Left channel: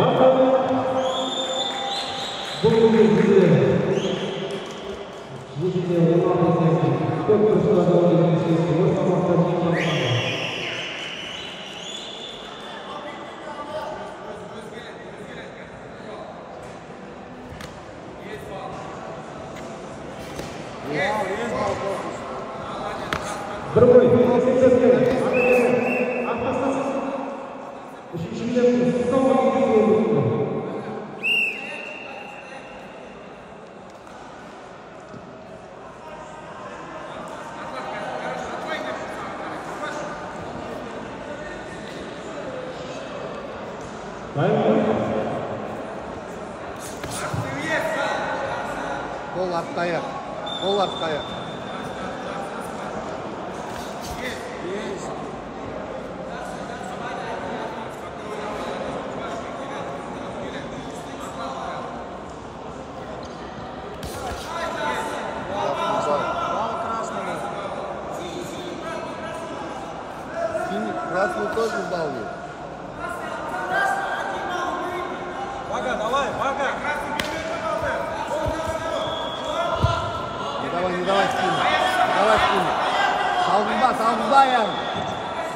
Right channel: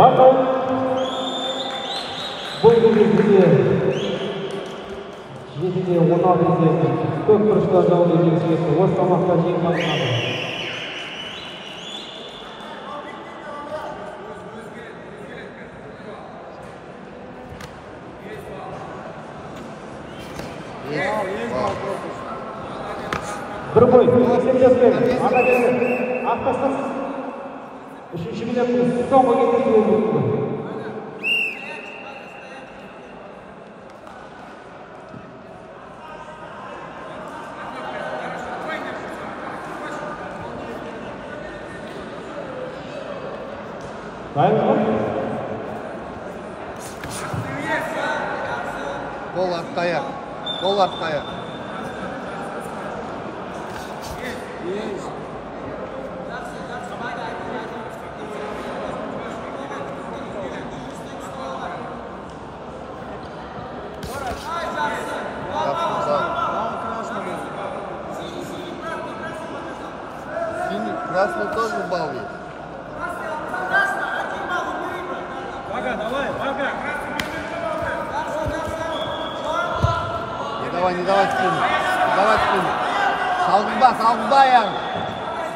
Бұл кездесуде жекеде 16 көп бұрышта жауын жеңіске осы салмақта жеңімпазы. Bir boy, sekizden ana beri atlasın. Üçüncü günden son boyu geçiyor. Gol arkaya. Gol arkaya. Красный тоже балует. Salgında ya.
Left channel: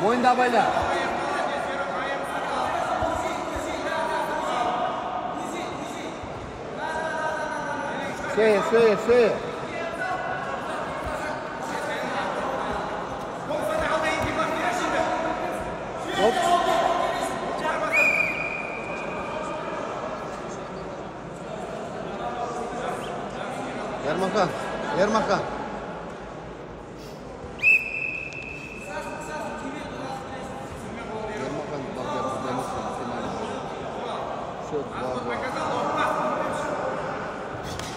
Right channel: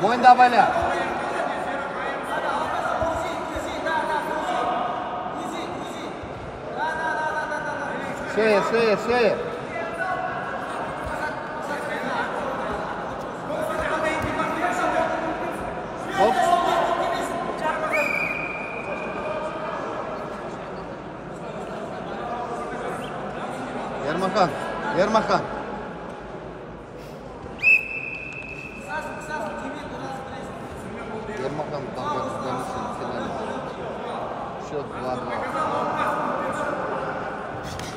Boyunda böyle. Şeye. Hop. Ермахан.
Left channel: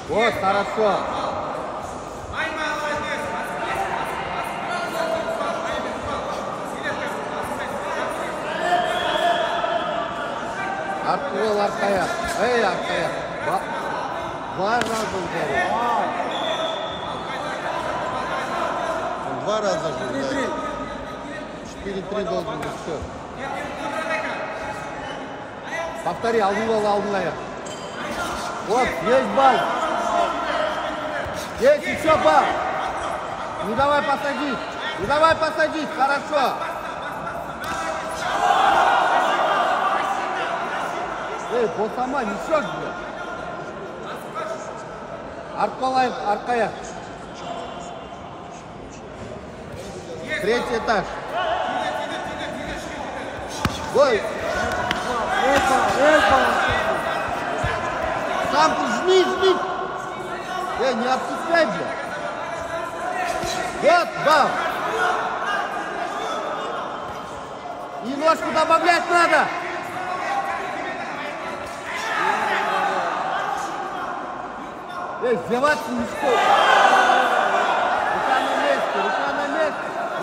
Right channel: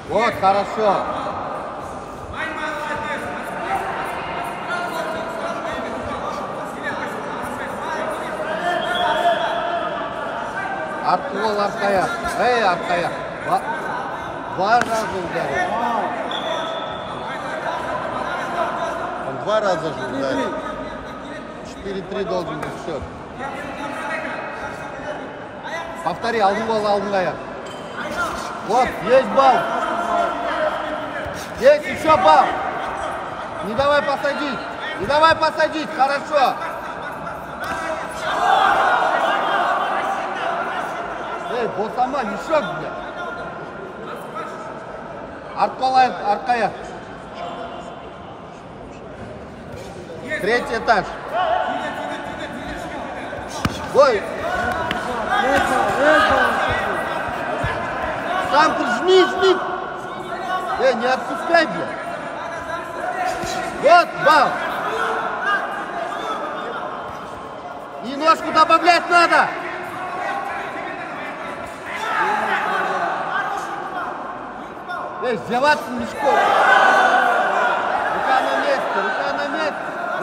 Вот, хорошо. Открыл arkaya. Arkaya. Два раза ударил. Два раза же ударил. 4-3 должен быть все. Повтори, алдын аяқ. Вот, есть балл. Есть еще балл. Не давай посадить. Хорошо. Вот сама несет, блядь. Аркая. Третий этаж. Ой. Сам жми. Не отпускай, блядь. Вот, бам. Немножко добавлять надо. Сдаваться легко.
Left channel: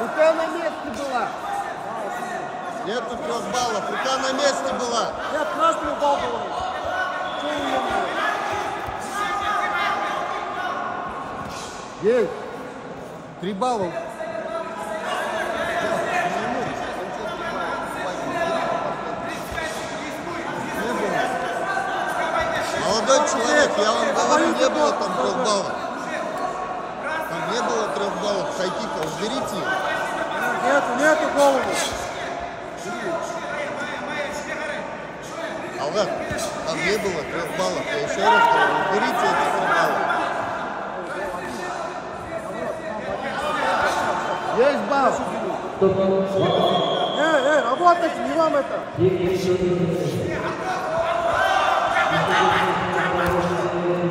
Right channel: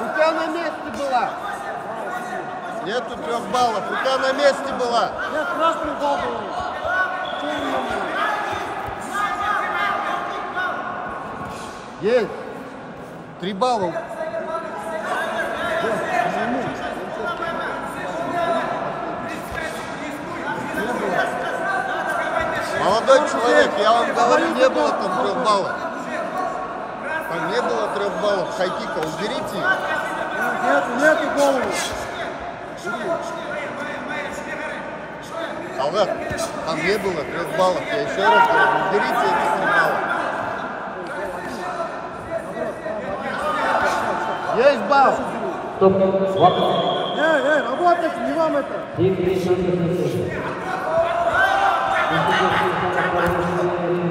Рука на месте была. Нету 3 баллов. Рука на месте была. Есть. 3 балла. Молодой человек, я вам говорю, не было там 3 баллов. Не было 3 баллов. Хайкипа, разберите. Нету баллов. А вот, там не было 3 баллов. Я еще раз говорю, разберите эти 3 балла. Есть балл. Работайте, не вам это.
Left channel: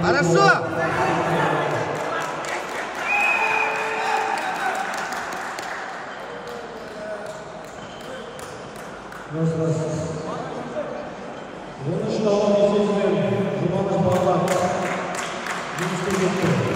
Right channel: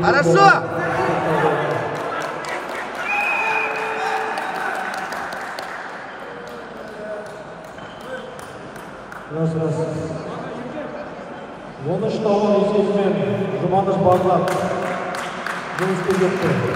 Хорошо. Раз. Оны үшін ауыр есесімен Жұманыш Бағлан жеңіске жетті.